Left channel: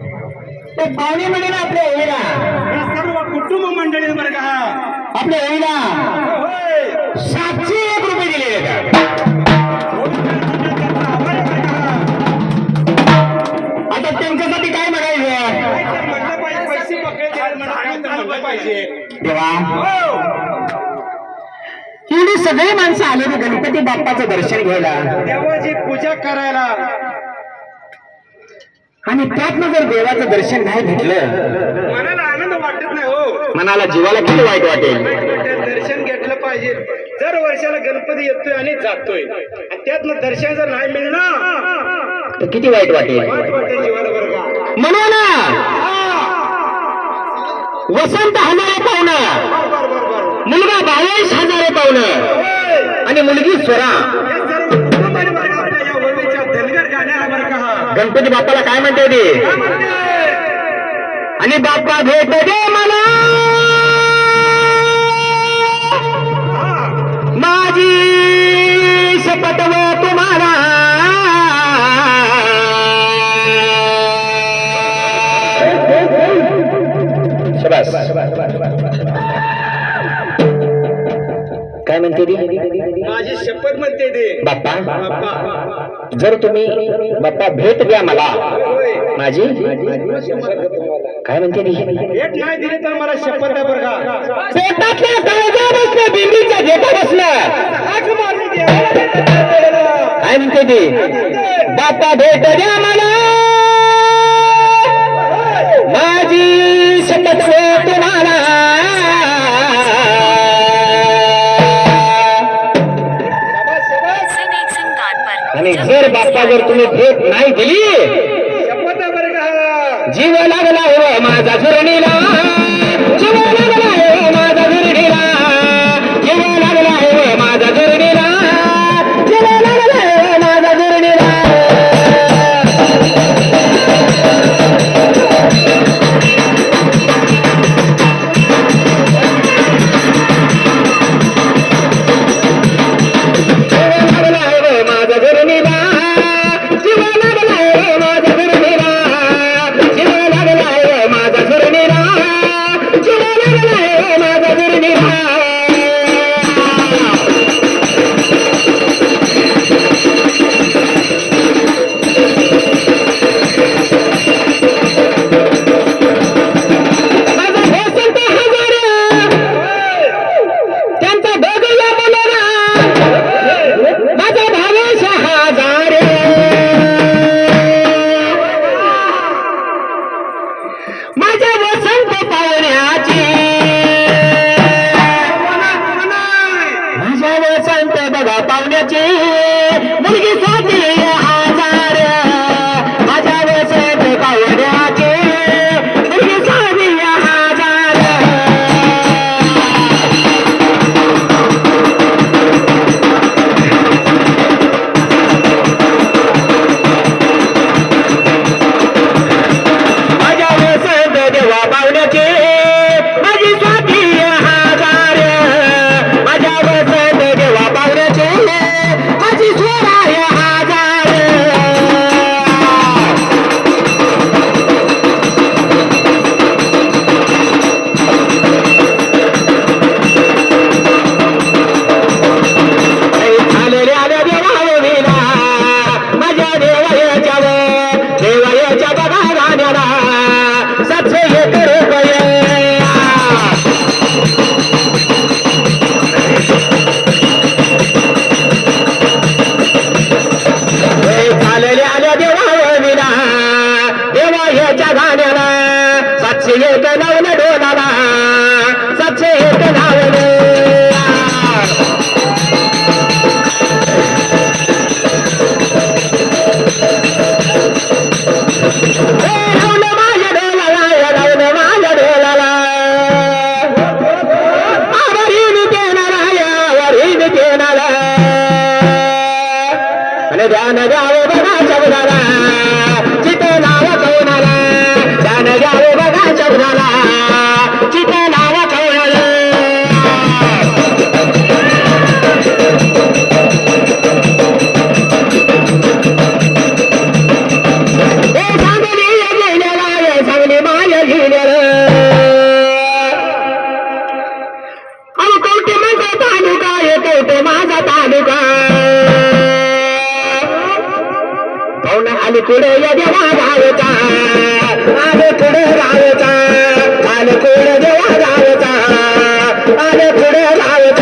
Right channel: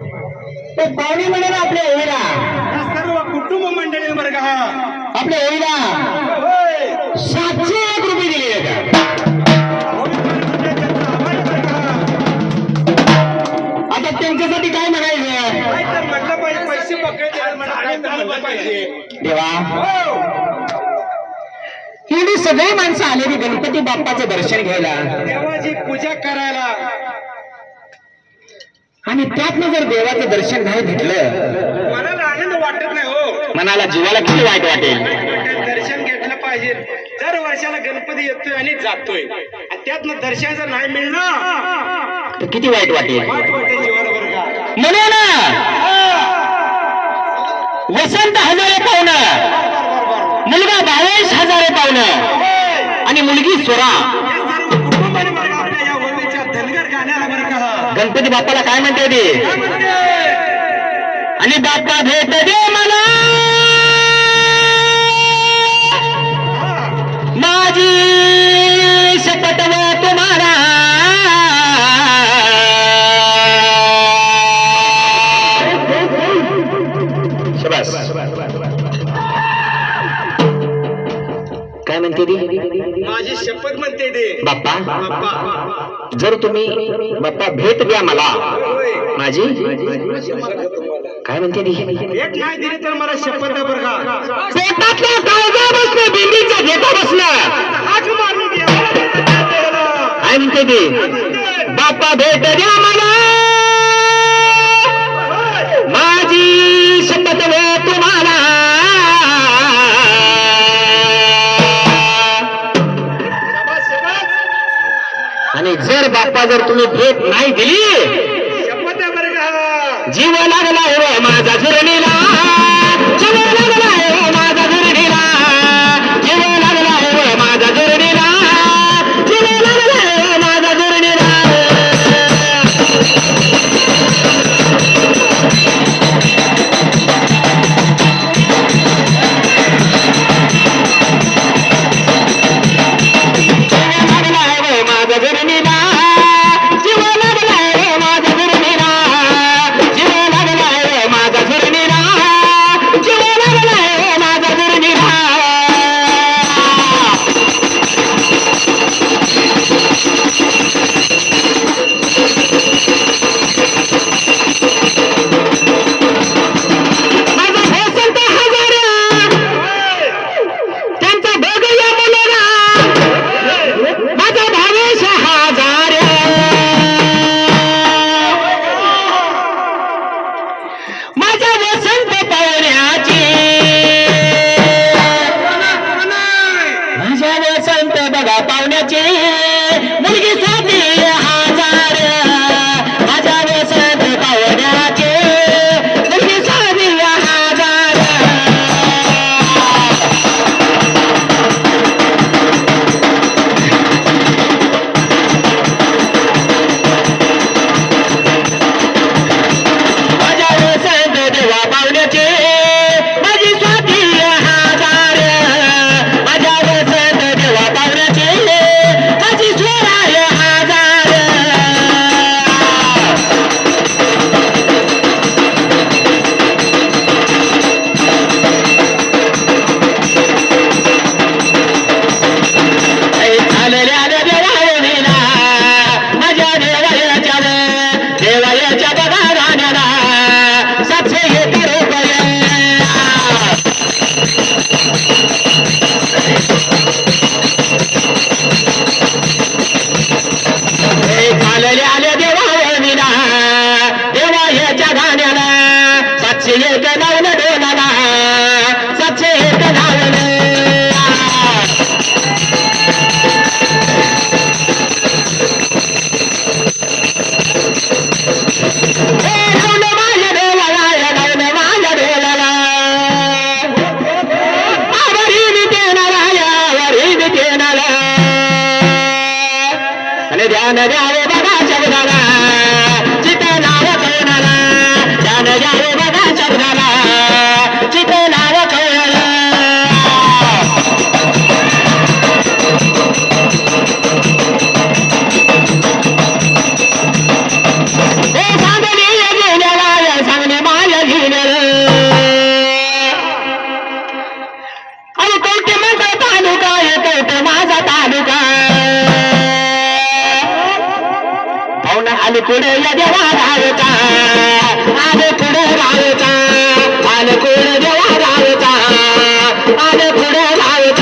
ते पाहुणे म्हणून आपल्या होईला ही सर्व कुटुंब मंडळी बरं का आपल्या होईला होय 701 रुपये दिले का आभार आहे बरं का. आता त्यांच्यासाठी काय म्हणायचं काय तर म्हटलं पाहिजे पैसे पकडे द्यायला म्हणून काय तर म्हणलं पाहिजे देवा हो एवढी सगळी माणसं आलेली गणपती बाप्पाचं दर्शन घ्यायला देवाची पूजा करायला आणि त्यातनं जर देवाचं दर्शन नाही घेतलं मनाला आनंद वाटत नाही हो मनाला जीवाला किती वाईट वाटेल दर्शन घेतलं पाहिजे दर वर्षाला गणपती येतोय आणि जातोय आणि त्यातनं दर्शन जर नाही मिळणार तर किती वाईट वाटेल वाट वाटेल जीवाला बरं का म्हणून वसंत हजारे पाहुणं मुलगा 22,000 पाहुणं होय. आणि मुलगी स्वरा या सर्व कुटुंबाने बरं का आपल्या या होळीच्या धनगर गाण्याला बरं का गणपती बाप्पाला काय म्हणते ते काय म्हणते? आणि बाप्पा भेट दे मला माझी शपथ व तुम्हाला शबास काय म्हणते ती माझी शपथ म्हणते ते बाप्पा बाप्पा जर तुम्ही बाप्पा भेट द्या मला होय. माझी काय म्हणते ती भेट नाही दिली तर मला शपथ आहे बरं का पोटातल्या काळजा बसणं बिंबीच्या घेता बसणं हाक मारून देवाला भेट द्यायला. काय म्हणते ती बाप्पा भेट द्या मला माझी शपथ व तुम्हाला शाबास, शाबास. आणि जर बाप्पा जर तुम्ही भेट नाही दिली शपथ आहे बरं का जीव लागला हो माझा झुरणीला जीव लागला हो माझा झुरणीला जीव लागला हो माझा झुरणीला जीव लागला हो माझा झुरणीला त्यांचा बघूया बोला माझा भावेश हजार माझ्या वसंत पाहुण्याची माझ्या वसंत बघा पाहुण्याची मुलगी स्वाती हजार माझ्या वसंत पाहुण्याची मुलगी स्वाती हजार माझ्या वसंत देवा पाहुण्याचे माझी स्वाती हजार माझ्या वसंत देवा पाहुण्याचे माझी स्वरा हजार झालेल्या देवाला माझ्या देवाच्या देवाच्या बघा राण्याला 701 रुपये झालेल्या आल्या देवाला देवाच्या गाण्याला 701 लावलं डोलाला 701 लावलं लावलं माझ्या डोलाला लावलं माझ्या डोलाला आवरीन देणारा आवरीन देणारा आणि ध्यान द्यावे बघा शब्दाला चिते नाव कौनाला ध्यान द्यावे बघा शब्दाला चिते नाव कौनाला सांगली गेल्याला आणि कुठे या देवा गावचा आणि कुठे गावचा आणि कुठे देवा गावचा आणि कुठे गावचा